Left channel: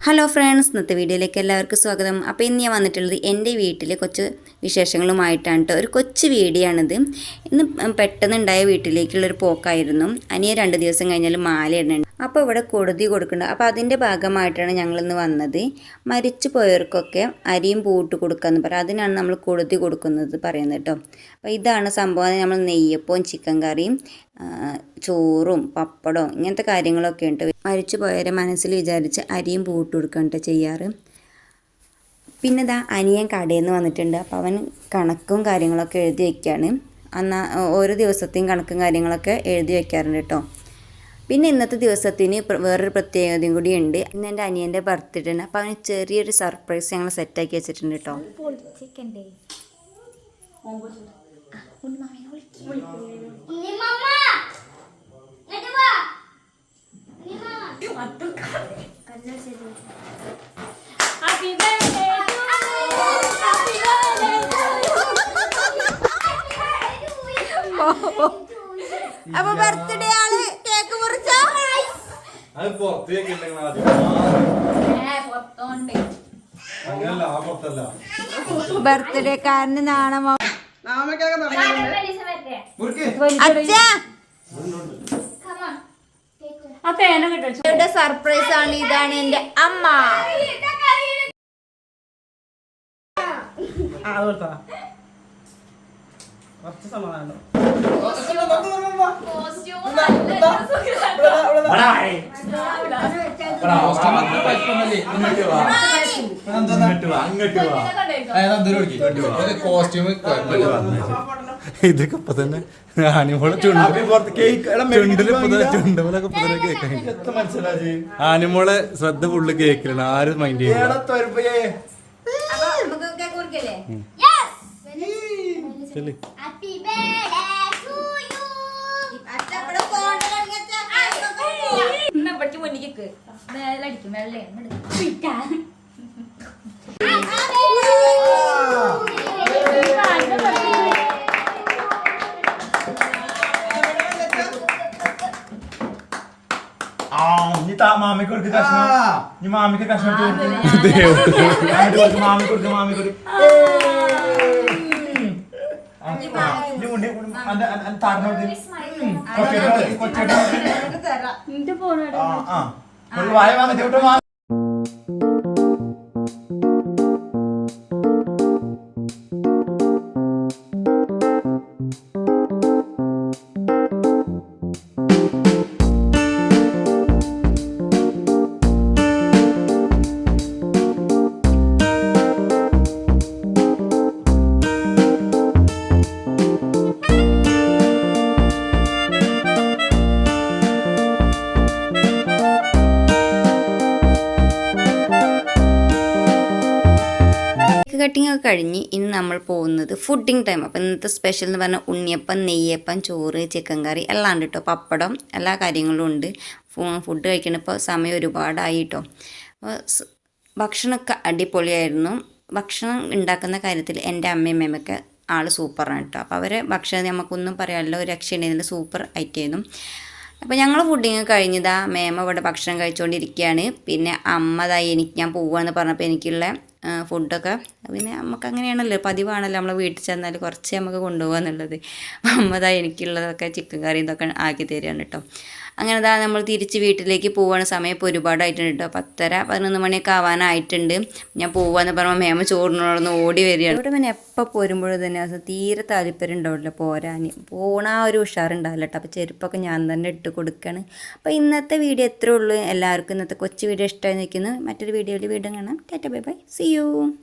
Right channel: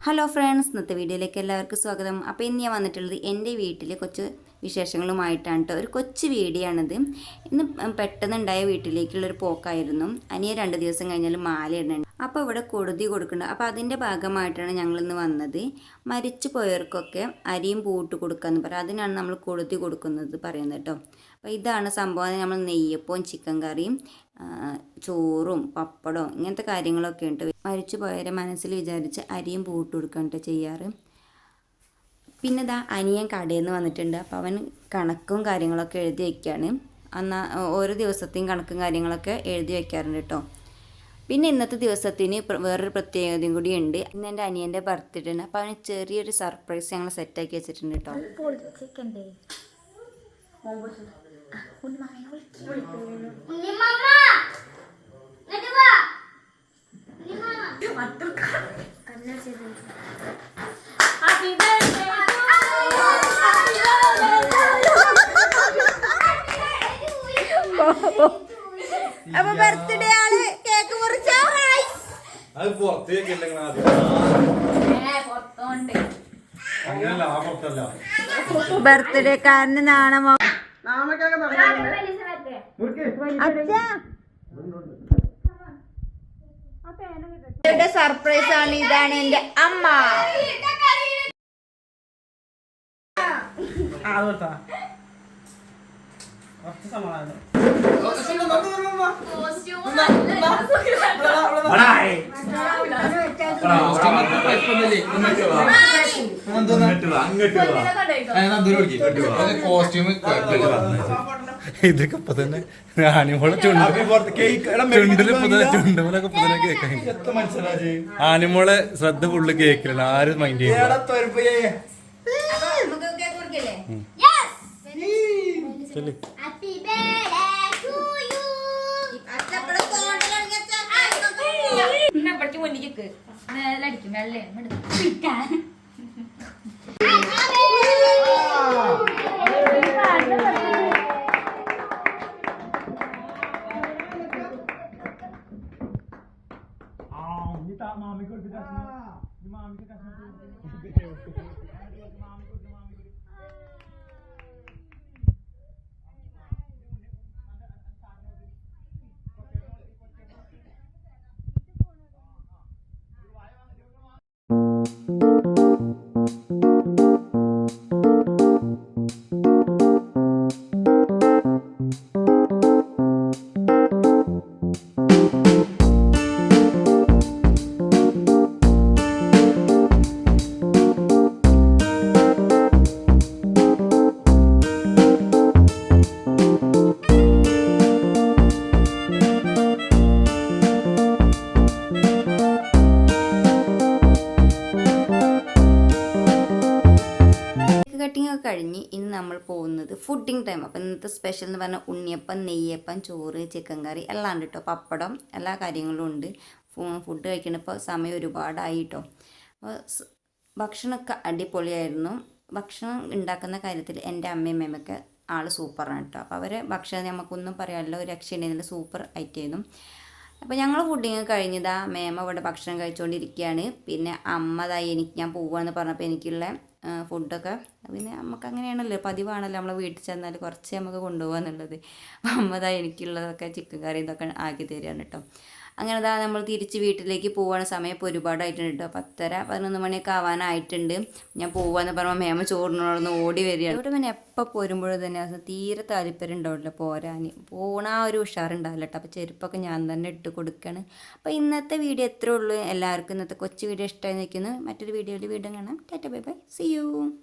Hello friends ഇന്നത്തെ വീഡിയോയിലേക്ക് എല്ലാവർക്കും സ്വാഗതം. അപ്പോൾ ഇന്ന് ഞാൻ വന്നിട്ടുള്ളത് എന്റെ വീട്ടിലെ കുറച്ച് വിശേഷങ്ങളുമായിട്ടാണ് കേട്ടോ. ഒരു കൊച്ചു വീടിയാണിത്. ഇന്ന് പെട്ടെന്നുണ്ടായ വീട്ടിലേക്കുള്ളൊരു പോക്കായിരുന്നു. അനിയ രണ്ട് ദിവസം കഴിഞ്ഞാൽ മാല ഇടുന്നുണ്ട് അപ്പോൾ ഇവിടെ കൊടുതി കൊടുക്കുന്നുണ്ട്. അപ്പോൾ അതിന്റെ ഭാഗമായിട്ടാണ് ഞങ്ങളിന്ന് വന്നത്. മരിച്ചു പോയവർക്കൊക്കെ അരിയും പൂട്ട് കൊടുക്കാമെന്ന് പറയും അതിനാണ് നമ്മൾ കൊടുതി കൊടുക്കുന്നത് പറയുന്നത് കേട്ടോ. അപ്പോൾ ഇതാണ് സംഭവം. നമ്മൾ നെയ്യപ്പവും ചിക്കൻ കറിയും ചോറും പപ്പടവും ഇങ്ങനത്തെ കാര്യങ്ങളൊക്കെ ഉണ്ട്. മരിച്ചു പോയവരെ മനസ്സിൽ വിചാരിച്ച് അരിയും പൂട്ട് കൊടുക്കണ്ട ചെയ്യാറ്. പിന്നെ ഇതാ അനിയൻ കടയിൽ നിന്ന് വന്നിട്ടുണ്ട്. അപ്പോൾ അവൻ കണക്കും കാര്യങ്ങളൊക്കെ എഴുതി വയ്ക്കുകയാണ് അന്നാ ഓരോ ദിവസത്തെയും കണക്കും കാര്യങ്ങളൊക്കെ എഴുതി വയ്ക്കാറുണ്ട് കേട്ടോ. പിന്നെ ഇന്നത്തെ ദിവസത്തിന് വേറൊരു പ്രത്യേകതയും കൂടി ഉണ്ട്. ഇന്ന് എന്റെ അനിയന്റെ ബർത്ത്ഡേ ആണ് അപ്പോൾ അവന് ചെറിയൊരു സർപ്രൈസ് ഞങ്ങൾ സെറ്റാക്കി വെച്ചിട്ടുണ്ട് കേട്ടോ അപ്പൊ ബർത്ത്ഡേ അത് പുറത്തേക്ക് അങ്ങനല്ല ആ പുറത്തല്ല. ബർത്ത്ഡേ കാരന് നാണമോ അച്ഛാ! സർപ്രൈസ് ആണ് ഇതാണ് എന്റെ അമ്മ. കുറച്ച് സമാധാനം. കോസ്റ്റ്യൂം ഇതൊക്കെ ഇപ്പൊ തന്നെ ആനിമോളെ ചുണ്ട്. ചുണ്ടിൽ ഇപ്പൊ തന്നെ ചുണ്ടുമലൊക്കെ ഇപ്പൊ തന്നെ മനസ്സിലായി ആനിമോളെ ശ്രദ്ധ ഫുള്ള് കേക്കില്ല ആരും മൈൻഡ് ചെയ്യില്ല ചെല്ല്. Happy birthday to you. ആ നീ താ മാമിക്ക് കൊടുക്ക് കഷ്ണം. നീ മാമിക്ക് കഷ്ണം എടുത്ത് കൊടുക്ക്. അങ്ങോട്ട് കൊടുക്ക്, മാമി കൊടുക്ക് മാമി ഒരു വായ വാങ്ങി. കട്ടിംഗ് ഒക്കെ കഴിഞ്ഞ് ഇനി നമ്മൾ പോകുന്നത് ഫുഡിങ് ടൈം അപ്പോൾ ഇന്നത്തെ സ്പെഷ്യൽ എന്ന് പറഞ്ഞാൽ ഉണ്ണിയപ്പം നെയ്യപ്പം ചോറ് ചിക്കൻ കറി എല്ലാം ഉണ്ട് കേട്ടോ പപ്പടം എല്ലാ കാര്യങ്ങളും ഉണ്ട്. ഫുഡ് കഴിക്കണപ്പോൾ സമയം ഒരുപാടായി കേട്ടോ അപ്പോൾ ഭക്ഷണമൊക്കെ അടിപൊളിയായിരുന്നു. ഭക്ഷണം ഉണ്ടാക്കുന്ന കാര്യത്തിൽ എന്റെ അമ്മയും അമ്മയൊക്കെ ആൾ സൂപ്പറാണ് കേട്ടോ അപ്പോൾ അവരെ ഭക്ഷണം നമുക്കൊന്നും പറയാമല്ലോ ഒരു രക്ഷയുണ്ടായിരുന്നില്ല സൂപ്പർ ഐറ്റമായിരുന്നു അപ്പോൾ ഞങ്ങൾ ഫുഡിങ് കഴിഞ്ഞതാ. മേമ ഇവിടെ ഭക്ഷണം കഴിച്ചുകൊണ്ടിരിക്കുകയാണ് പിന്നെ അമ്മതായി എനിക്ക് ഞാൻ പോവുകയെന്ന് പറഞ്ഞപ്പോൾ എനിക്കുള്ള ഫുഡൊക്കെ പിന്നെ നമുക്ക് അങ്ങനെയാണല്ലോ പതിവാണല്ലോ നമ്മൾ വീട്ടിൽ ചെന്നാൽ കുറച്ച് നമുക്ക് കൊണ്ടുപോകാന്നുള്ളത് അമ്മ അമ്മതാ എനിക്കുള്ളതൊക്കെ ചിക്കൻ കറി ഇതൊക്കെ ആക്കി തരികയാണ് കേട്ടോ അങ്ങനെ ദാ നമ്മൾ തിരിച്ച് വീട്ടിലേക്ക് പോകുന്ന സമയം ഇപ്പോൾ ഒരുപാടായിട്ടുണ്ട് കേട്ടോ പത്തര പതിനൊന്ന് മണിയൊക്കെ ആവാനായിട്ടുണ്ട്. ഞാൻ പോവാന്ന് പറയുമ്പോൾ മേമ ചോറിനോടൊന്ന് ഓടി വരികയാണ്. ഇവിടെ പിന്നെ എപ്പോൾ പോരുമ്പോഴും തന്നെ അത് തീരെ താല്പര്യം ഉണ്ടാവില്ല പോരാൻ പോണ ആ ഒരു ഉഷാറുണ്ടാവില്ല കേട്ടോ അപ്പോൾ ചെരുപ്പൊക്കെ ഞാൻ തന്നെ ഇട്ട് കൊടുക്കുകയാണ് അപ്പോൾ ഇന്നത്തെ വീഡിയോ എത്രേ ഉള്ളൂ. എല്ലാവർക്കും ഇന്നത്തെ കൊച്ചു വീഡിയോ ഇഷ്ടമായി നിൽക്കുന്നു മറ്റൊരു വീഡിയോയിൽ വീണ്ടും കാണാം. Tata bye bye. See you.